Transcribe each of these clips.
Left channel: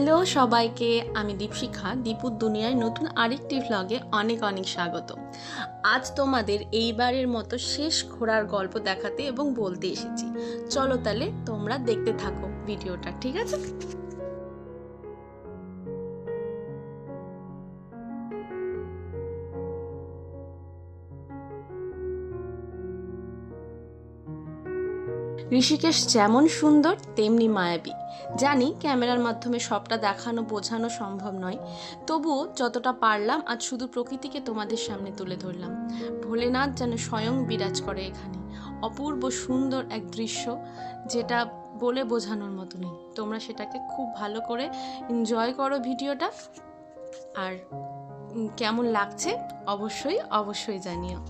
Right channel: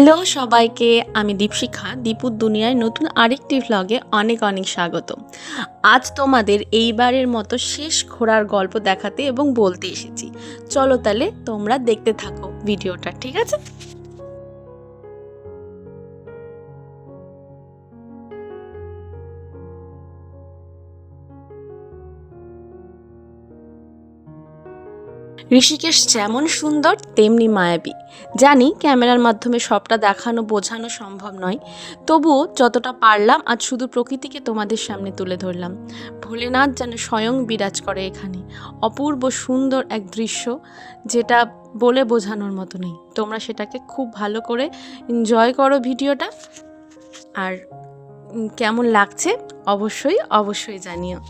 Hello সবাইকে, আমি দীপশিখা। দীপুর দুনিয়ায় নতুন আরেকটি ভ্লগে অনেক অনেক স্বাগত। আজ তোমাদের এইবারের মতো শেষ ঘোরার গল্প দেখাতে এবং বলতে এসেছি। চলো তাহলে তোমরা দেখতে থাকো ভিডিওটা, ঠিক আছে? ঋষিকেশ যেমন সুন্দর তেমনি মায়াবী। জানি ক্যামেরার মাধ্যমে সবটা দেখানো বোঝানো সম্ভব নয়, তবুও যতটা পারলাম আজ শুধু প্রকৃতিকে তোমাদের সামনে তুলে ধরলাম। ভোলেনাথ যেন স্বয়ং বিরাজ করে এখানে। অপূর্ব সুন্দর এক দৃশ্য, যেটা বলে বোঝানোর মতো নেই। তোমরা সেটাকে খুব ভালো করে এনজয় করো ভিডিওটা। আর কেমন লাগছে অবশ্যই অবশ্যই জানিও।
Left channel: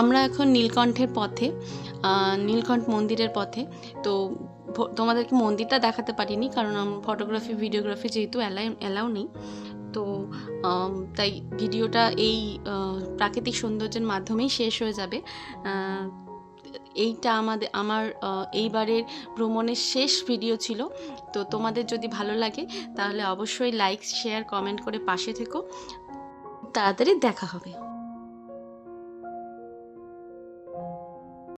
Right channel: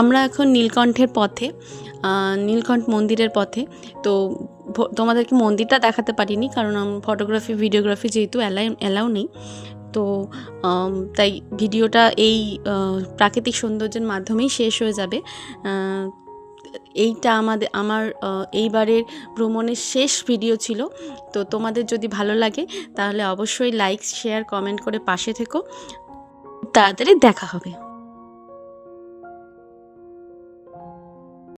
আমরা এখন নীলকণ্ঠের পথে, নীলকণ্ঠ মন্দিরের পথে। তো তোমাদেরকে মন্দিরটা দেখাতে পারিনি, কারণ ফটোগ্রাফি ভিডিওগ্রাফি যেহেতু অ্যালাউ নেই। তো তাই ভিডিওটা এই প্রাকৃতিক সৌন্দর্যের মাধ্যমেই শেষ হয়ে যাবে। এইটা আমার এইবারের ভ্রমণের শেষ ভিডিও ছিল। তো তোমাদের যদি ভালো লাগে তাহলে অবশ্যই লাইক শেয়ার কমেন্ট করে পাশে থেকো। তাড়াতাড়ি দেখা হবে।